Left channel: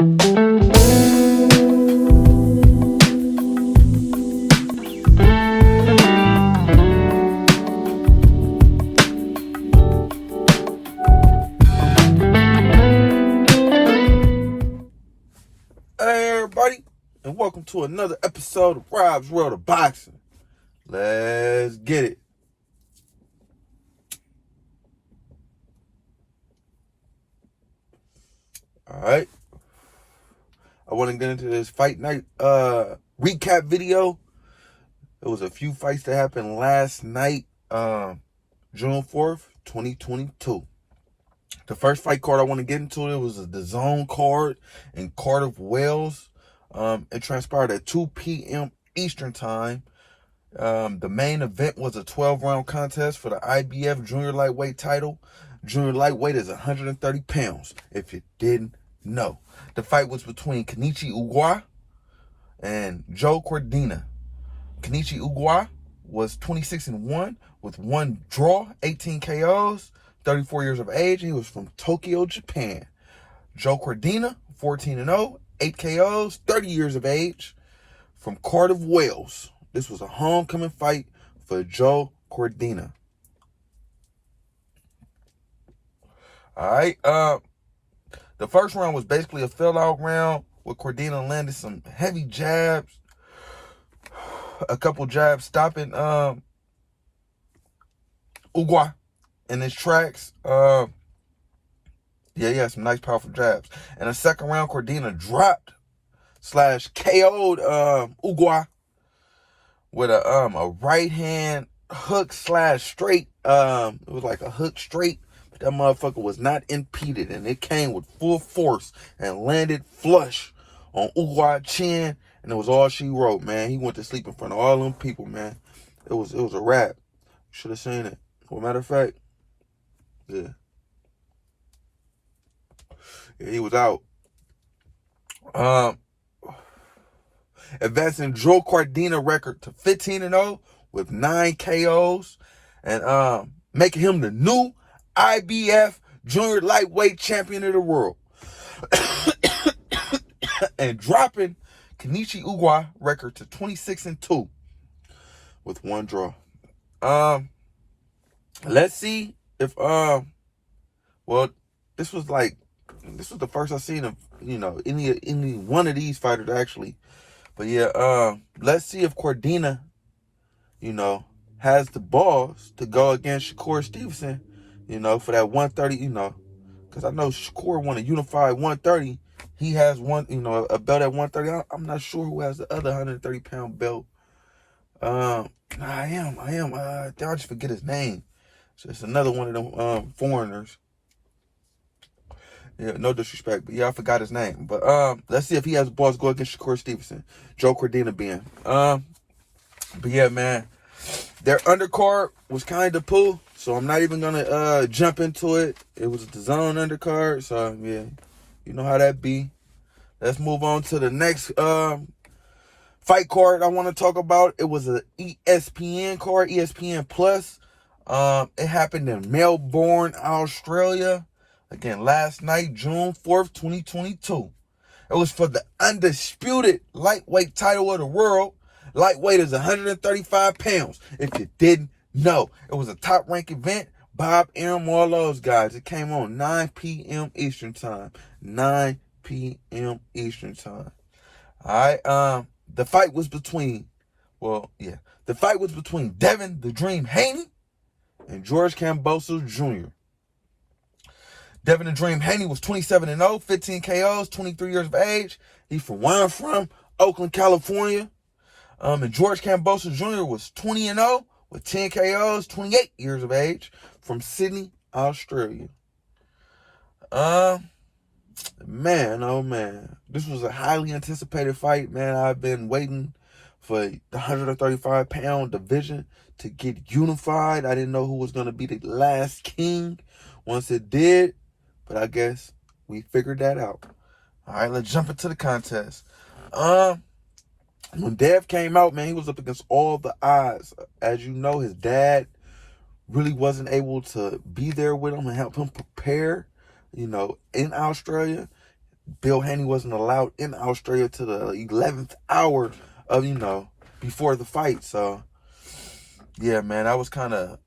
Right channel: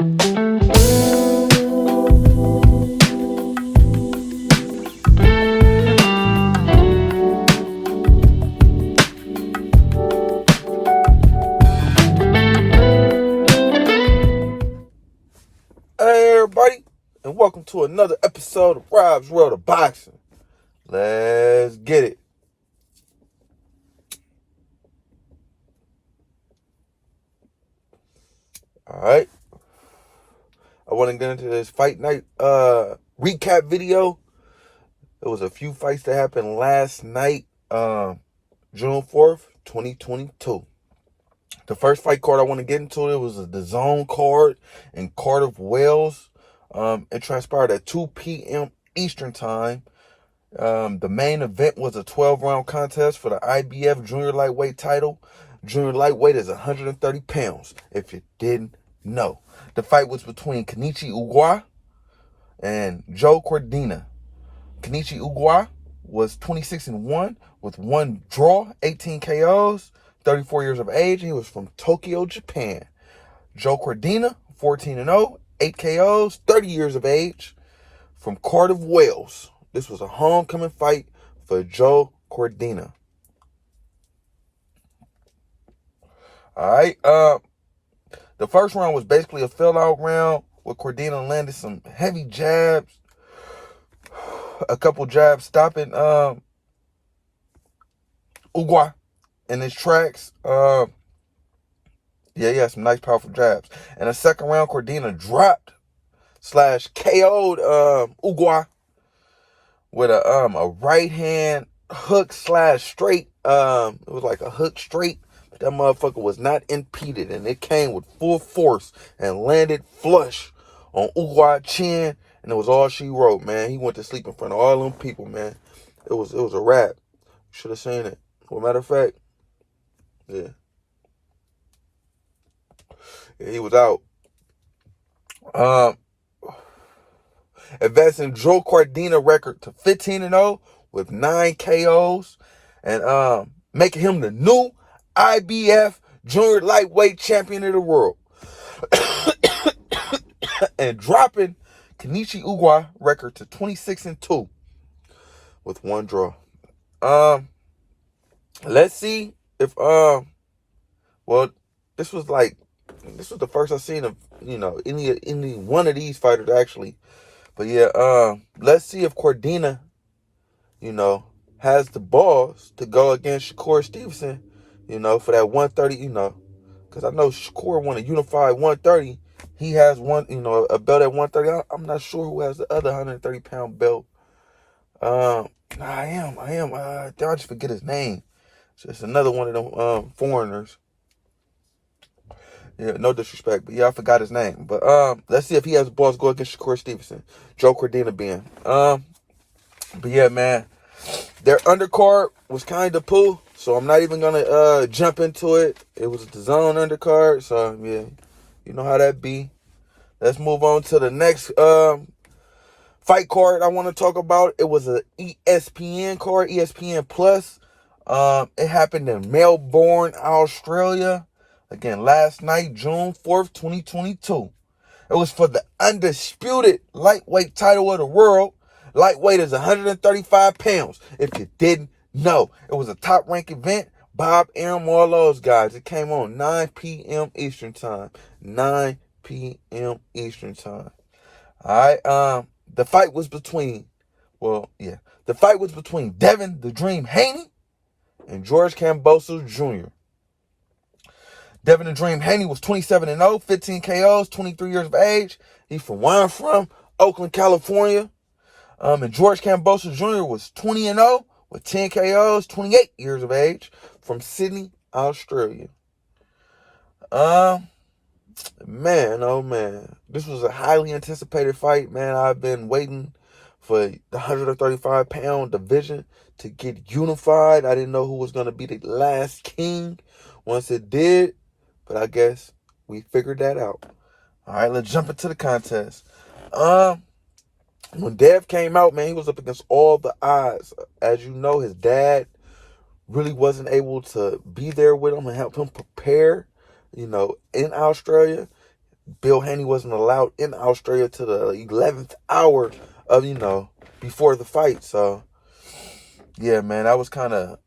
Hey everybody, and welcome to another episode of Rob's World of Boxing. Let's get it. Alright. I want to get into this fight night recap video. There was a few fights that happened last night, June 4th, 2022. The first fight card I want to get into, it was the Zone card in Cardiff, Wales. It transpired at 2 p.m. Eastern Time. The main event was a 12-round contest for the IBF Junior Lightweight title. Junior Lightweight is 130 pounds, if you didn't know. The fight was between Kenichi Ugwa and Joe Cordina. Kenichi Ugwa was 26-1 with one draw, 18 KOs, 34 years of age. He was from Tokyo, Japan. Joe Cordina, 14-0, 8 KOs, 30 years of age, from Cardiff, Wales. This was a homecoming fight for Joe Cordina. All right. The first round was basically a fill-out round where Cordina landed some heavy jabs, a couple jabs stopping Ugwa in his tracks. He had some nice, powerful jabs. In the second round, Cordina dropped / KO'd Ugwa with a right hand hook / straight. It was like a hook straight, but that motherfucker was not impeded, and it came with full force and landed flush on Ugwa's chin, and it was all she wrote, man. He went to sleep in front of all them people, man. It was a wrap. Should have seen it. Well, matter of fact, yeah, he was out. Advancing Joe Cordina record to 15-0 with 9 KOs, and making him the new IBF Junior Lightweight Champion of the world. And dropping Kenichi Ugwa record to 26-2 with one draw. Let's see if well, this was the first I've seen of any one of these fighters actually. But yeah, let's see if Cordina, has the balls to go against Shakur Stevenson, for that 130, because I know Shakur won a unified 130. He has one, a belt at 130. I'm not sure who has the other 130-pound belt. I am. I just forget his name. So it's another one of them foreigners. Yeah, no disrespect, but yeah, I forgot his name. But let's see if he has the balls to go against Shakur Stevenson. Joe Cordina being. But yeah, man, their undercard was kind of poo, so I'm not even gonna jump into it. It was the Zone undercard, so yeah, you know how that be. Let's move on to the next fight card I want to talk about. It was an ESPN card, ESPN Plus. It happened in Melbourne, Australia. Again, last night, June 4th, 2022. It was for the undisputed lightweight title of the world. Lightweight is 135 pounds, if you didn't know. It was a top-ranked event. Bob Arum, all those guys. It came on 9 p.m. Eastern Time. 9 p.m. Eastern Time. All right. The fight was between Devin the Dream Haney and George Kambosos Jr. Devin the Dream Haney was 27-0, 15 KOs, 23 years of age. He's from where I'm from, Oakland, California. And George Kambosos Jr. was 20-0 with 10 KOs, 28 years of age, from Sydney, Australia. Man, oh man. This was a highly anticipated fight, man. I've been waiting for the 135-pound division to get unified. I didn't know who was going to be the last king once it did, but I guess we figured that out. All right, let's jump into the contest. When Dev came out, man, he was up against all the odds. As you know, his dad really wasn't able to be there with him and help him prepare, in Australia. Bill Haney wasn't allowed in Australia to the 11th hour of, before the fight. So, yeah, man, that was kind of,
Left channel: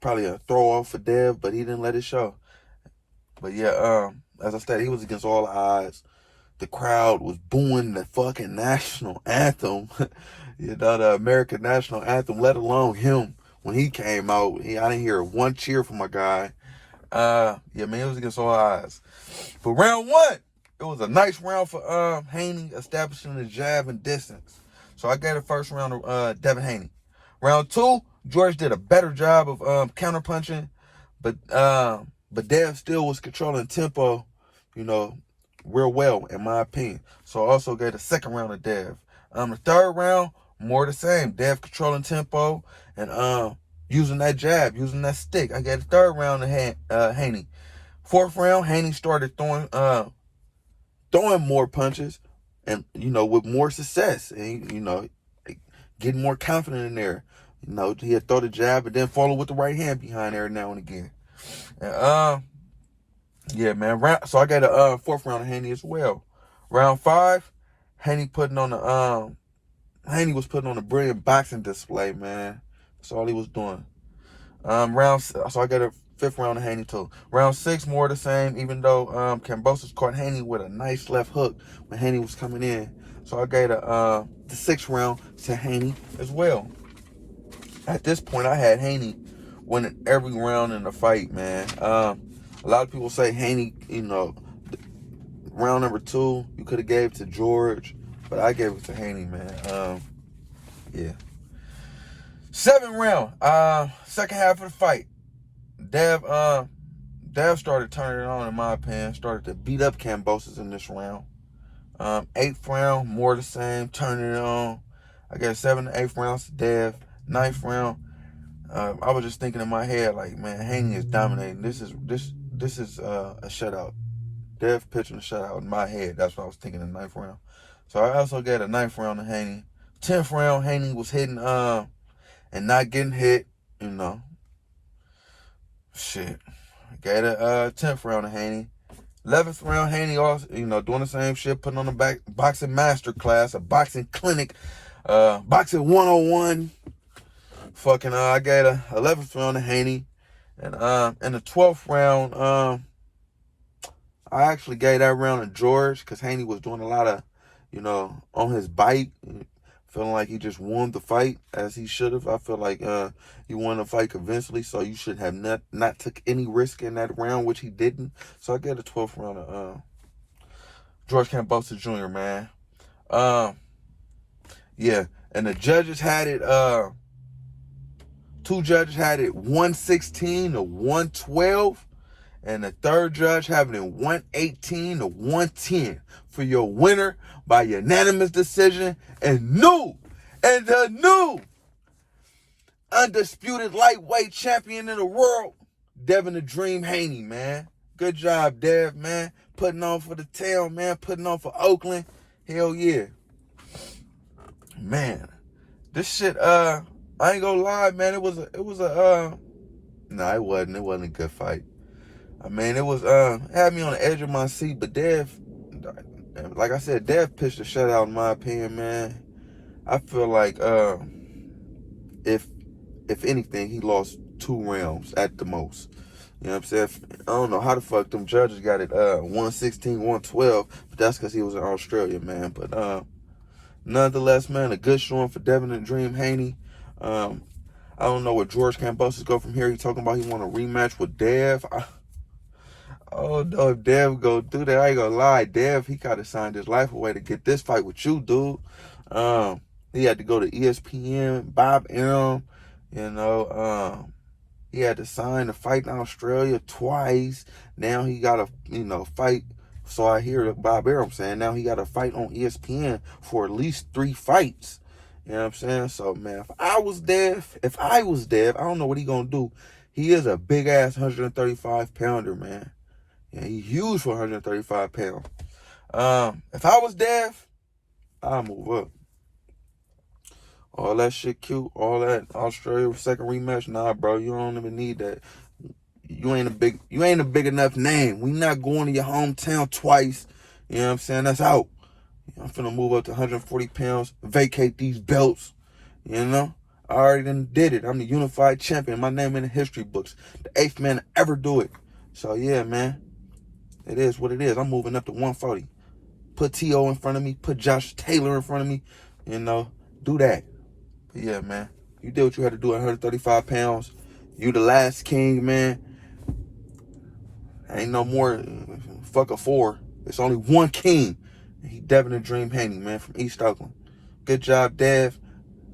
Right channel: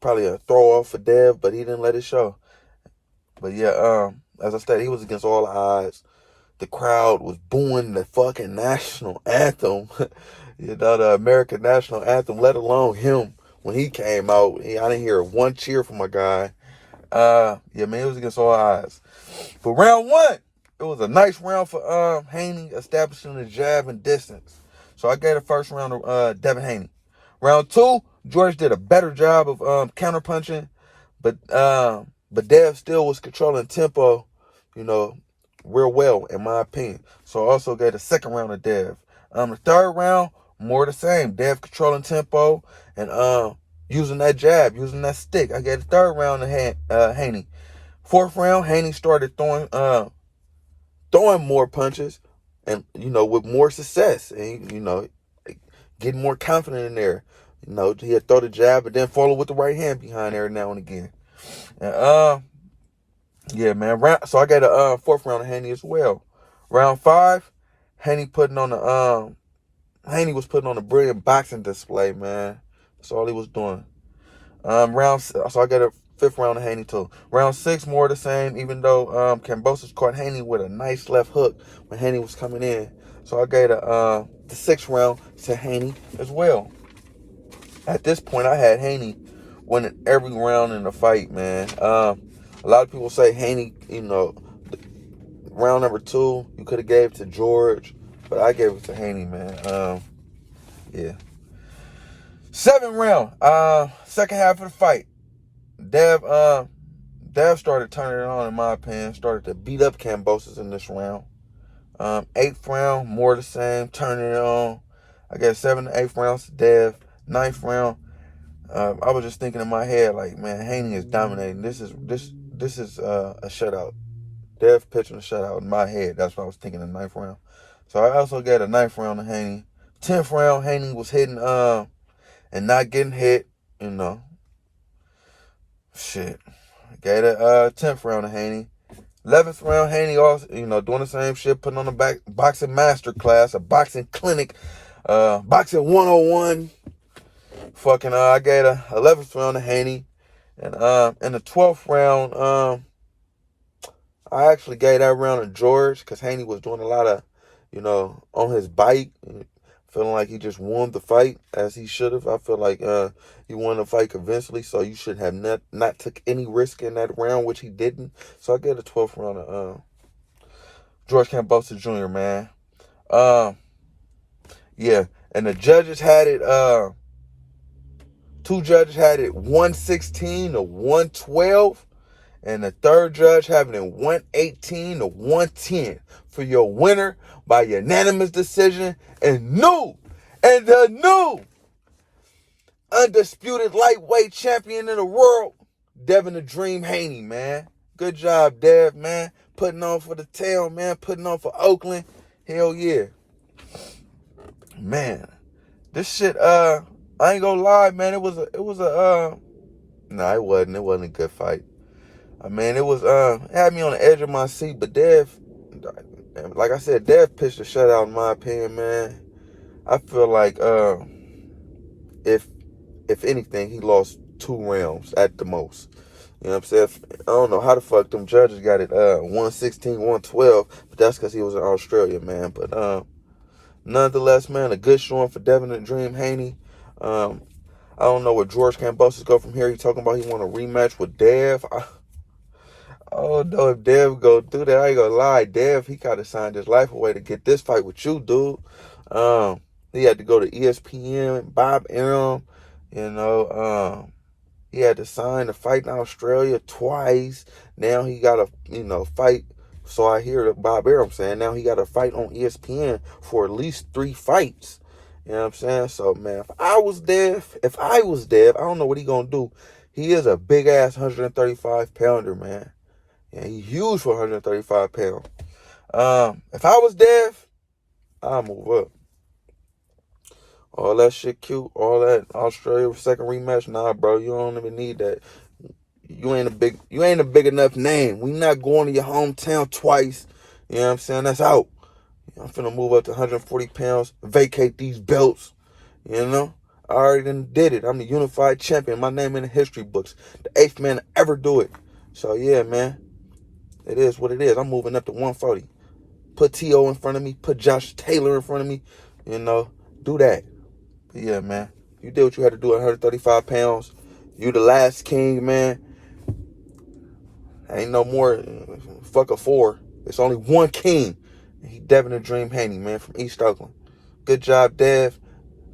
probably a throw off for Dev, but he didn't let it show. But yeah, as I said, he was against all odds. The crowd was booing the fucking national anthem, the American national anthem, let alone him when he came out. I didn't hear one cheer from my guy. Yeah, man, it was against all odds. But round one, it was a nice round for Haney, establishing the jab and distance. So I gave the first round to Devin Haney. Round two, George did a better job of counterpunching, but Dev still was controlling tempo, real well, in my opinion. So I also gave the second round to Dev. The third round, more the same. Dev controlling tempo and using that jab, using that stick. I gave the third round to Haney. Fourth round, Haney started throwing more punches and, with more success. And, getting more confident in there. He'd throw the jab and then follow with the right hand behind every now and again. And, yeah, man. So I got a fourth round of Haney as well. Round five, Haney was putting on a brilliant boxing display, man. That's all he was doing. So I got a fifth round of Haney too. Round six, more of the same, even though Kambosos caught Haney with a nice left hook when Haney was coming in. So I gave the sixth round to Haney as well. At this point, I had Haney winning every round in the fight, man. A lot of people say Haney, round number two, you could have gave it to George, but I gave it to Haney, man. Yeah. Seventh round, second half of the fight. Dev started turning it on, in my opinion. Started to beat up Kambosos in this round. Eighth round, more the same, turning it on. I got 7 to 8 rounds to Dev. Ninth round, I was just thinking in my head, like, man, Haney is dominating. This is a shutout. Dev pitching a shutout in my head. That's what I was thinking in the ninth round. So I also got a ninth round to Haney. 10th round, Haney was hitting and not getting hit, Shit. Gave a 10th round to Haney. 11th round, Haney also, doing the same shit, putting on a boxing master class, a boxing clinic, boxing 101. Fucking, I gave a 11th round to Haney. And in the 12th round, I actually gave that round to George because Haney was doing a lot of, on his bike, feeling like he just won the fight as he should have. I feel like he won the fight convincingly, so you should have not took any risk in that round, which he didn't. So I gave the 12th round to George Kambosos Jr., man. Yeah, and the judges had it, two judges had it 116 to 112, and the third judge having it 118 to 110 for your winner by unanimous decision and the new undisputed lightweight champion in the world, Devin the Dream Haney, man. Good job, Dev, man. Putting on for the town, man. Putting on for Oakland. Hell yeah. Man, this shit, I ain't gonna lie, man. It wasn't a good fight. I mean, it was, had me on the edge of my seat, but Dev, like I said, Dev pitched a shutout in my opinion, man. I feel like, if anything, he lost 2 rounds at the most. You know what I'm saying? I don't know how the fuck them judges got it 116, 112, but that's because he was in Australia, man. But nonetheless, man, a good showing for Devin the Dream Haney. I don't know where George Kambosos go from here. He talking about he want a rematch with Dev. I don't know if Dev go do that. I ain't gonna lie. Dev, he kind of signed his life away to get this fight with you, dude. He had to go to ESPN, Bob Arum, he had to sign to fight in Australia twice. Now he got to, fight. So I hear Bob Arum saying now he got to fight on ESPN for at least 3 fights. You know what I'm saying? So, man, if I was Dev, I don't know what he going to do. He is a big-ass 135-pounder, man. Yeah, he's huge for 135 pounds. If I was Dev, I'd move up. All that shit cute, all that Australia second rematch, nah, bro, you don't even need that. You ain't a big enough name. We not going to your hometown twice. You know what I'm saying? That's out. I'm finna move up to 140 pounds, vacate these belts, you know? I already done did it. I'm the unified champion. My name in the history books. The 8th man to ever do it. So, yeah, man. It is what it is. I'm moving up to 140. Put T.O. in front of me. Put Josh Taylor in front of me. You know, do that. But, yeah, man. You did what you had to do at 135 pounds. You the last king, man. Ain't no more fuck a 4. It's only one king. He Devin the Dream Haney, man, from East Oakland. Good job, Dev.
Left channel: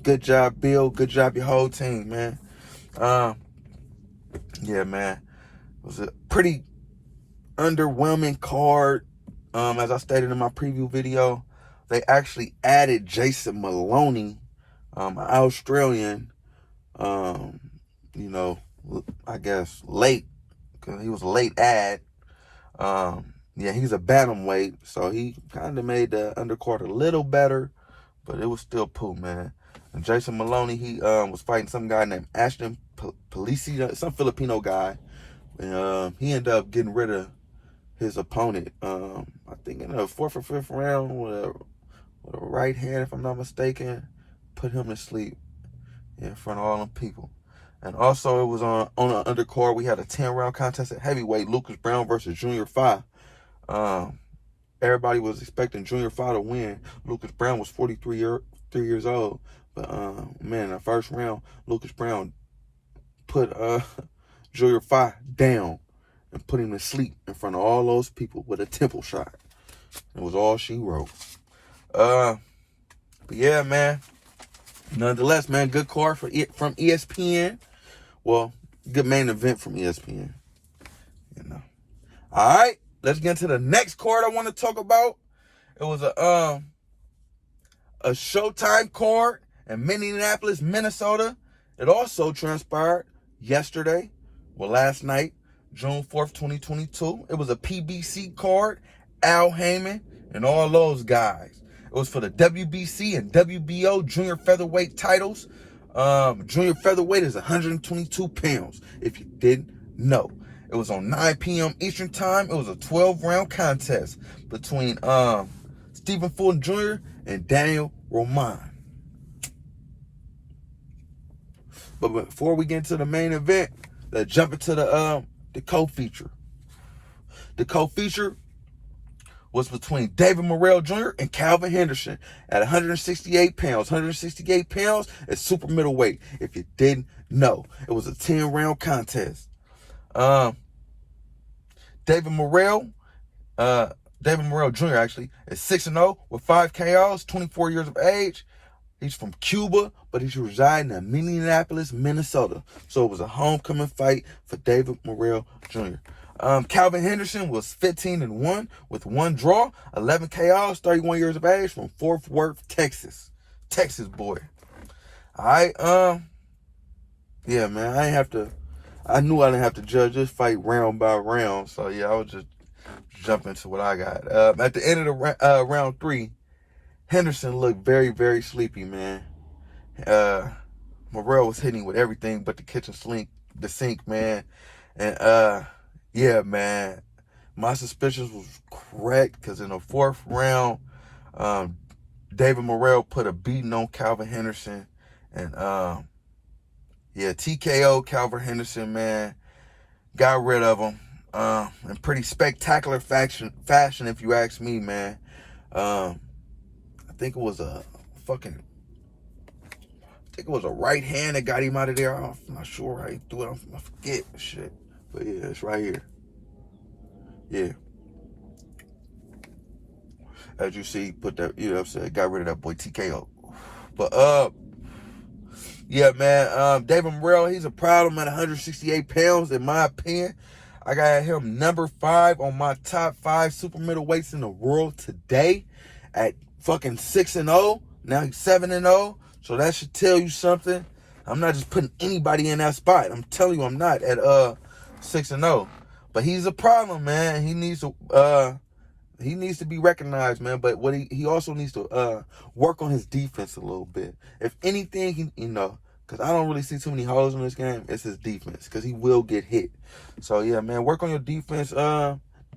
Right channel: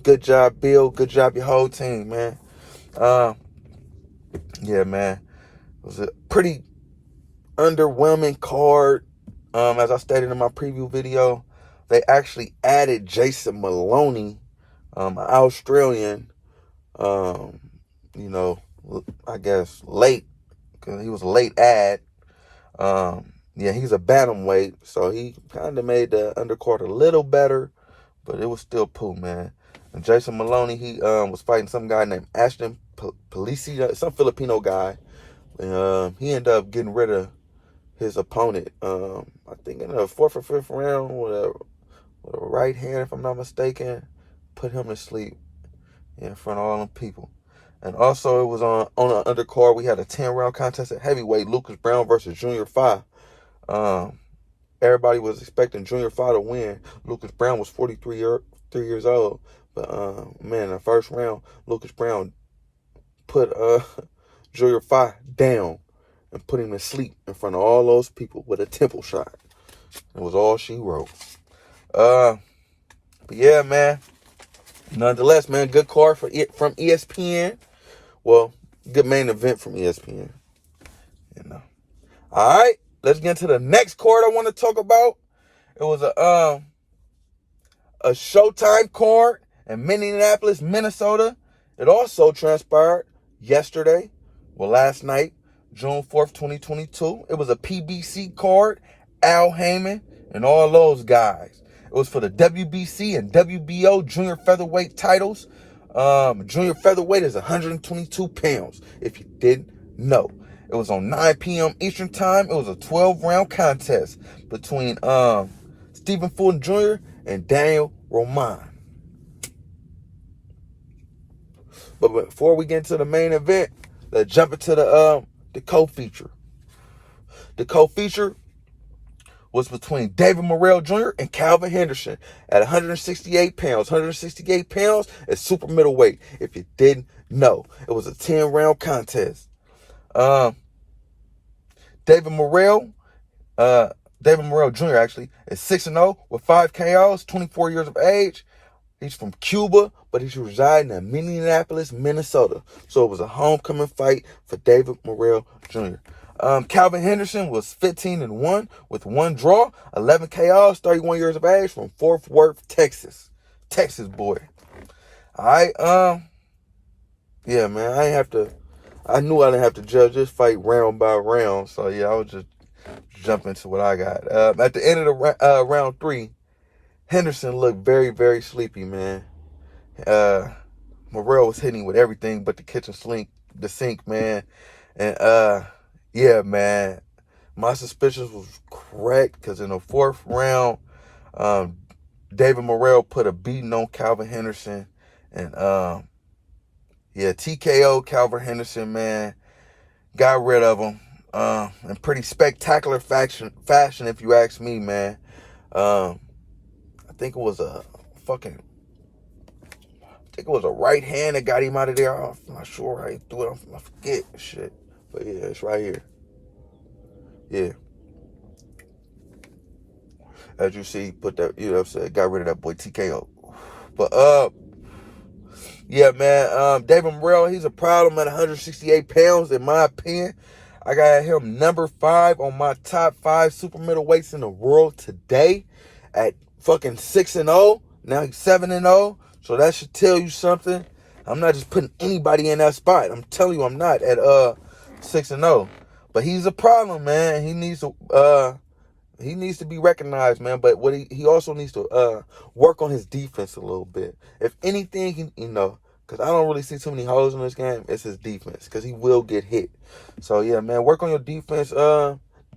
Good job, Bill. Good job, your whole team, man. Yeah, man. It was a pretty underwhelming card. As I stated in my preview video, they actually added Jason Maloney, an Australian, you know, I guess late, because he was a late add. Yeah, he's a bantamweight, so he kind of made the undercard a little better, but it was still poo, man. And Jason Maloney, he was fighting some guy named Ashton Polisi, some Filipino guy. And he ended up getting rid of his opponent, I think in the 4th or 5th round with a right hand, if I'm not mistaken. Put him to sleep in front of all them people. And also, it was on an undercard. We had a 10-round contest at heavyweight, Lucas Brown versus Junior Fa. Everybody was expecting Junior Fa to win. Lucas Brown was 43 years old. But, man, in the first round, Lucas Brown put Junior Fa down and put him to sleep in front of all those people with a temple shot. It was all she wrote. But, yeah, man. Nonetheless, man, good card from ESPN. Well, good main event from ESPN. You know. All right. Let's get into the next card I want to talk about. It was a Showtime card in Minneapolis, Minnesota. It also transpired yesterday, last night, June 4th, 2022. It was a PBC card, Al Heyman, and all those guys. It was for the WBC and WBO junior featherweight titles. Junior featherweight is 122 pounds, if you didn't know. It was on 9 p.m. Eastern Time. It was a 12-round contest between Stephen Fulton Jr. and Daniel Roman. But before we get into the main event, let's jump into the co-feature. The co-feature was between David Morrell Jr. and Calvin Henderson at 168 pounds. 168 pounds is super middleweight, if you didn't know. It was a 10-round contest. David Morrell Jr. actually is 6-0 with 5 KOs, 24 years of age. He's from Cuba, but he's residing in Minneapolis, Minnesota. So it was a homecoming fight for David Morrell Jr. Calvin Henderson was 15-1 with 1 draw, 11 KOs, 31 years of age, from Fort Worth, Texas. Texas boy. All right, yeah, man, I knew I didn't have to judge this fight round by round. So, yeah, I was just jumping into what I got. At the end of the round 3, Henderson looked very, very sleepy, man. Morrell was hitting with everything but the sink, man. And, yeah, man, my suspicions was correct because in the 4th round, David Morrell put a beating on Calvin Henderson. And, yeah, TKO Calvin Henderson, man. Got rid of him. In pretty spectacular fashion, if you ask me, man. I think it was a right hand that got him out of there. I'm not sure how he threw it. I forget shit. But yeah, it's right here. Yeah. As you see, put that, you know what I'm saying, got rid of that boy TKO. But yeah, man, David Morrell, he's a problem at 168 pounds, in my opinion. I got him number 5 on my top 5 super middleweights in the world today at fucking 6-0. Now he's 7-0. So that should tell you something. I'm not just putting anybody in that spot. I'm telling you, I'm not at 6-0. But he's a problem, man. He needs to be recognized, man. But what he also needs to work on his defense a little bit. If anything, because I don't really see too many holes in this game, it's his defense, because he will get hit. So yeah, man, work on your defense,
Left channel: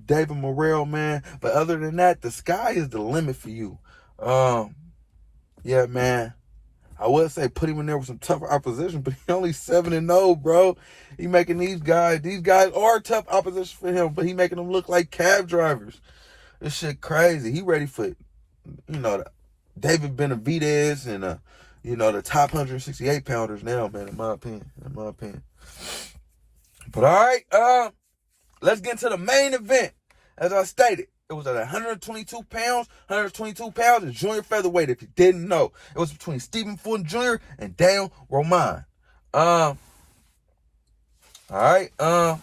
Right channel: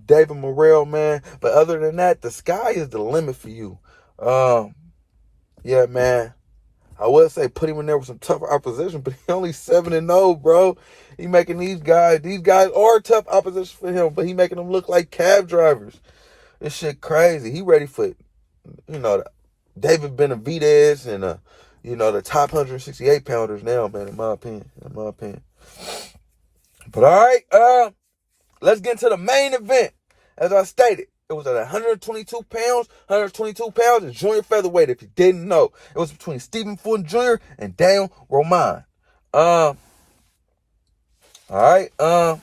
David Morrell, man. But other than that, the sky is the limit for you. Yeah, man. I would say put him in there with some tougher opposition, but he only 7-0, bro. He making these guys are tough opposition for him, but he making them look like cab drivers. This shit crazy. He ready for, David Benavidez and, the top 168 pounders now, man, in my opinion. But all right, let's get into the main event. As I stated, it was at 122 pounds. 122 pounds is junior featherweight, if you didn't know. It was between Stephen Fulton Jr. and Daniel Roman. All right. Round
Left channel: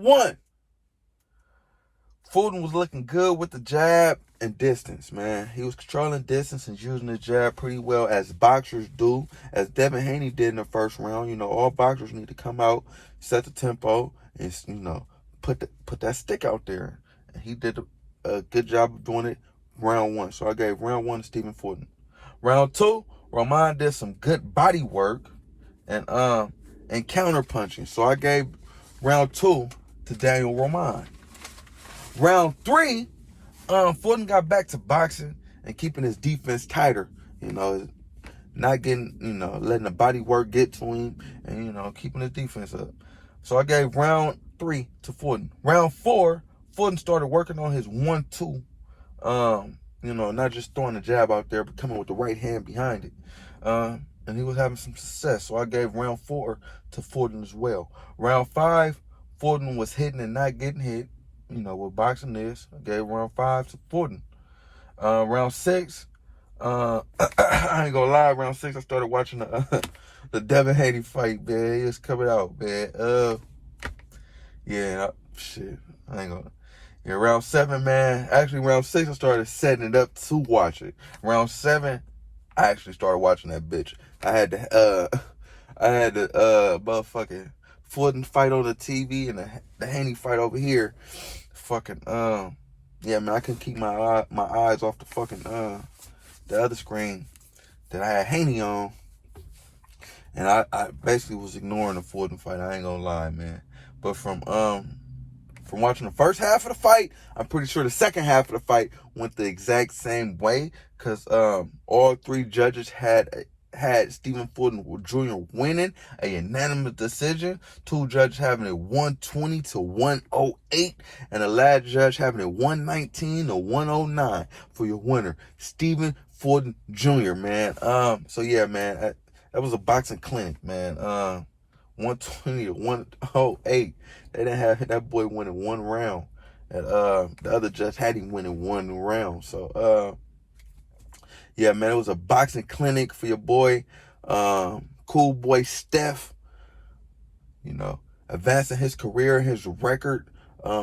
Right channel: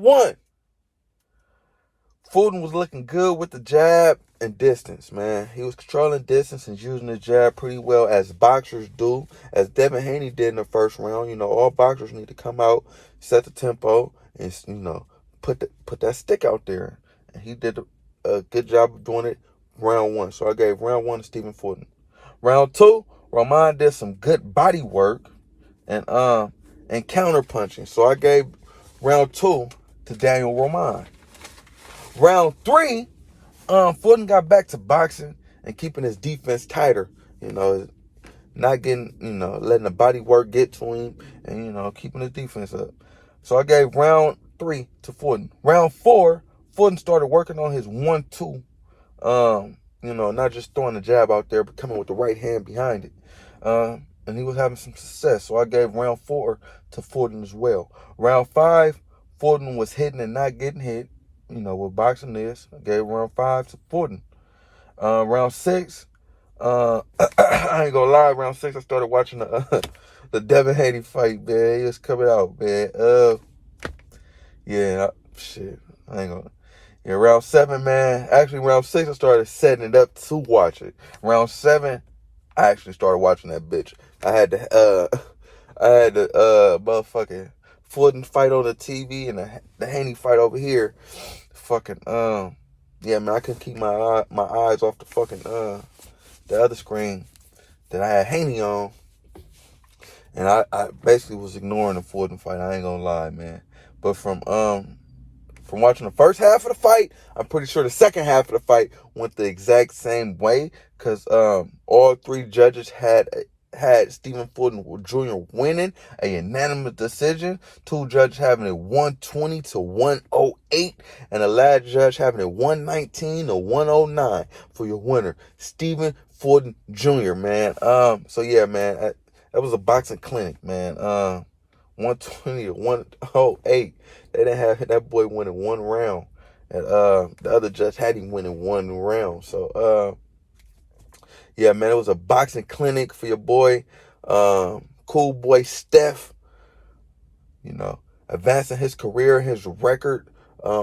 one. Fulton was looking good with the jab and distance, man. He was controlling distance and using the jab pretty well, as boxers do, as Devin Haney did in the first round. All boxers need to come out, set the tempo, and, put that stick out there. And he did a good job of doing it round one. So I gave round one to Stephen Fulton. Round two, Roman did some good body work and counter punching. So I gave round two to Daniel Roman. Round three, Fulton got back to boxing and keeping his defense tighter. Not getting, letting the body work get to him and, keeping his defense up. So I gave round three to Fulton. Round four, Fulton started working on his 1-2. Not just throwing the jab out there, but coming with the right hand behind it. And he was having some success. So I gave round four to Fulton as well. Round five, Fulton was hitting and not getting hit. What boxing is. I gave round 5 to Fulton. Round 6, I ain't gonna lie, round 6, I started watching the Devin Haney fight, man. It's coming out, man. Shit. I ain't gonna. Yeah, round 7, man. Actually, round 6, I started setting it up to watch it. Round 7, I actually started watching that bitch. I had the motherfucking Fulton fight on the TV and the Haney fight over here. Fucking, yeah, man, I couldn't keep my eyes off the fucking, the other screen that I had Haney on. And I basically was ignoring the Fulton fight. I ain't gonna lie, man. But from watching the first half of the fight, I'm pretty sure the second half of the fight went the exact same way. Because all three judges had Stephen Fulton Jr. winning a unanimous decision. Two judges having it 120 to 108, and the last judge having it 119 to 109 for your winner, Stephen Fulton Jr. Man. So yeah, man, that was a boxing clinic, man. 120 to 108. They didn't have that boy winning one round, and the other judge had him winning one round. So yeah, man, it was a boxing clinic for your boy, cool boy Steph, advancing his career, his record.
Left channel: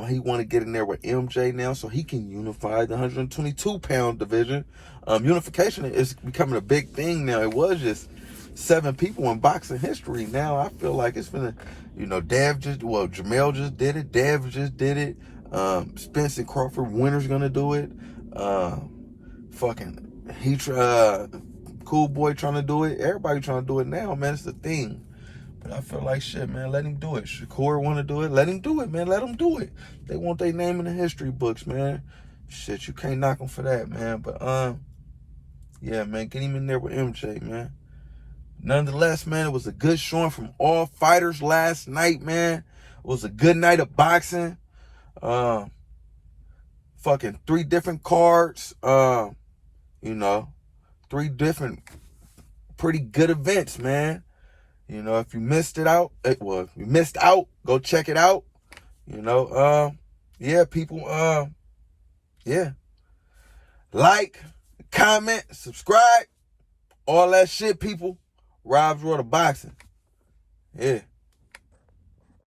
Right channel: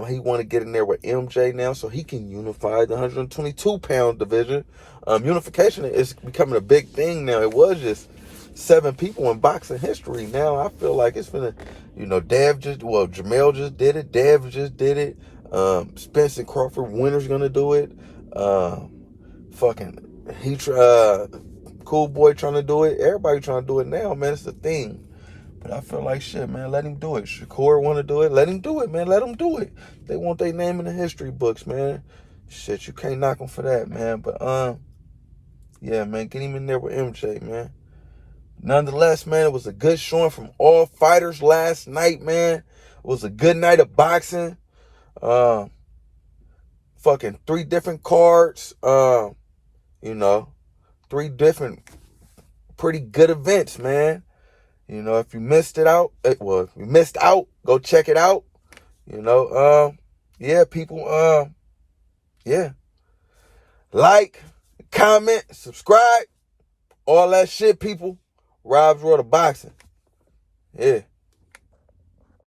He want to get in there with MJ now so he can unify the 122-pound division. Unification is becoming a big thing now. It was just 7 people in boxing history. Now I feel like it's been Jamel just did it. Dev just did it. Spence and Crawford, winner's going to do it. Cool boy trying to do it. Everybody trying to do it now, man. It's the thing. But I feel like shit, man. Let him do it. Shakur want to do it. Let him do it, man. Let him do it. They want their name in the history books, man. Shit, you can't knock them for that, man. But yeah, man, get him in there with MJ, man. Nonetheless, man, it was a good showing from all fighters last night, man. It was a good night of boxing. Fucking 3 different cards. 3 different pretty good events, man. If you missed out, go check it out. Yeah, people, yeah. Like, comment, subscribe, all that shit, people. Rob's World of Boxing. Yeah.